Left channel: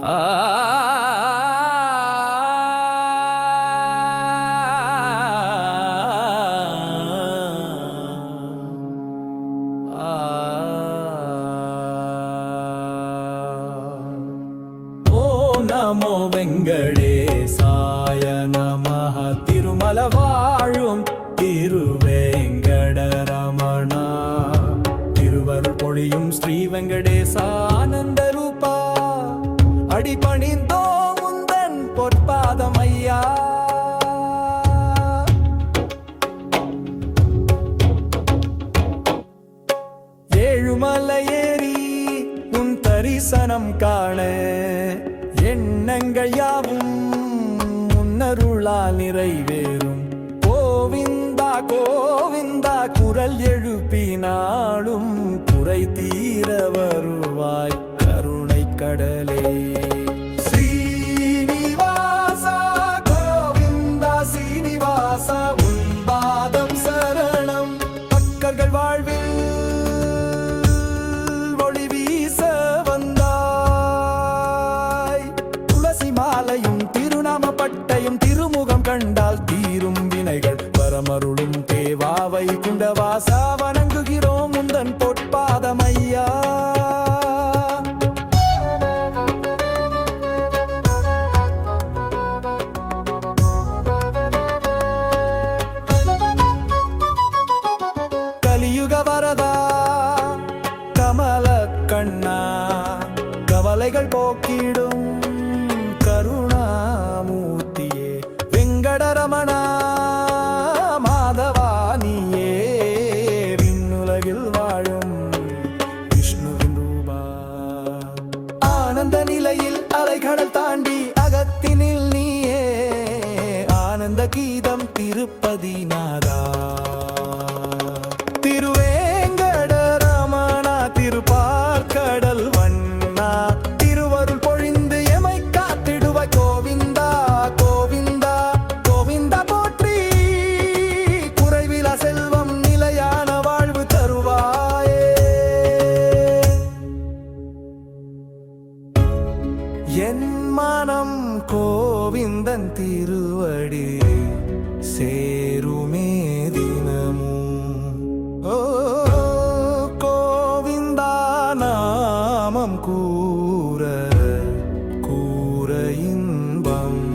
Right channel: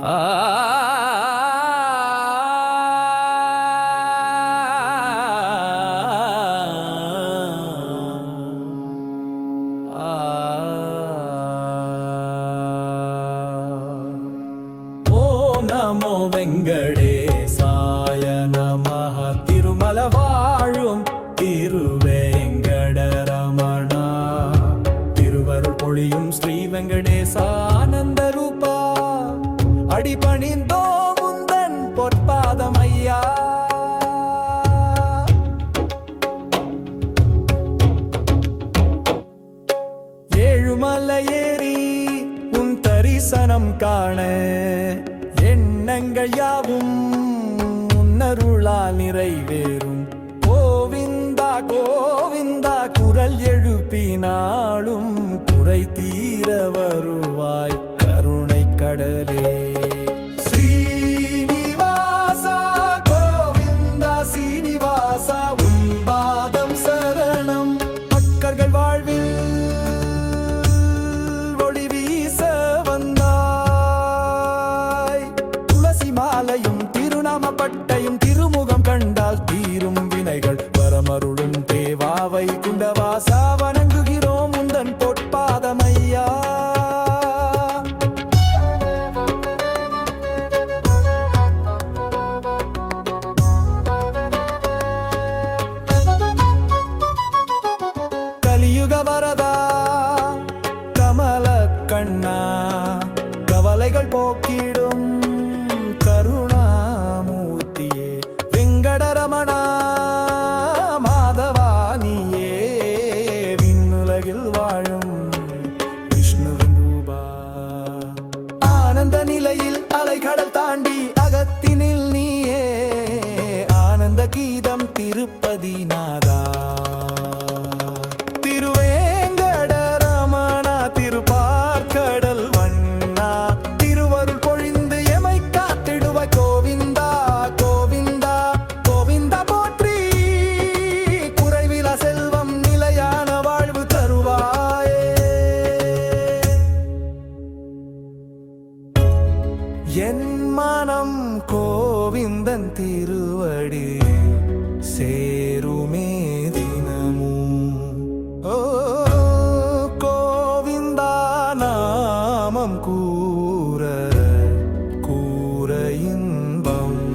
ஆ ஓம் நமோ வெங்கடேசாய நமஹ. திருமல வாழும் திருவேங்கடரமணா, திருவருள் பொழியும் ஸ்ரீ வெங்கடேசா ஆனந்த ரூபா, அடிபணிந்தோ முந்தன் பொற்பாதம் ஐயா. ஏழுமலையேறி உன் தரிசனம் காண எண்ணங்கள் யாவும் உன்னருளால் நிறைவேறும். கோவிந்தா கோவிந்தா குரல் எழுப்பினாலும் குறை தீர வருவாய் கருணை கடலே. ஸ்ரீனிவாசா கோவிந்தா சீனிவாசா உன் பாதம் சரணம். பக்தர்கள் வாழ்வில் ஒளி வீச வந்தாய். துளசி மாலையும் திருநாம பட்டையும் திருமுகம் கண்டால் தீரும் வினைகள் வரமருளும் தேவாவை குண்டவாசா, வணங்குகிறோம் உந்தன் பொற்பாதமையா. கலியுக வரதா கமல கண்ணா, கவலைகள் போக்கிடும் கருணாமூர்த்தியே. வெங்கடரமணா மாதவானியே, விண்ணுலகில் வாழும் விஷ்ணுவின் ரூபா. ஆனந்த நிலையில் அலைகடல் தாண்டி அகத்தினில் நீயே, ஆனந்த கீதம் திருப்பதி நாதா. திருவேங்கடரமணா திருப்பார்கடல் வண்ணா, திருவருள் பொழிந்து எமை காத்திடுவாய் கோவிந்தா கோவிந்தா கோவிந்தா போற்றி. குறைவிலா செல்வம் நிலையான வாழ்வு தருவாயே. என் மனம் கோவிந்தன் திருவடி சேருமே தினமும். ஓ கோவிந்தா நாமம் கூற கூற இன்பம்.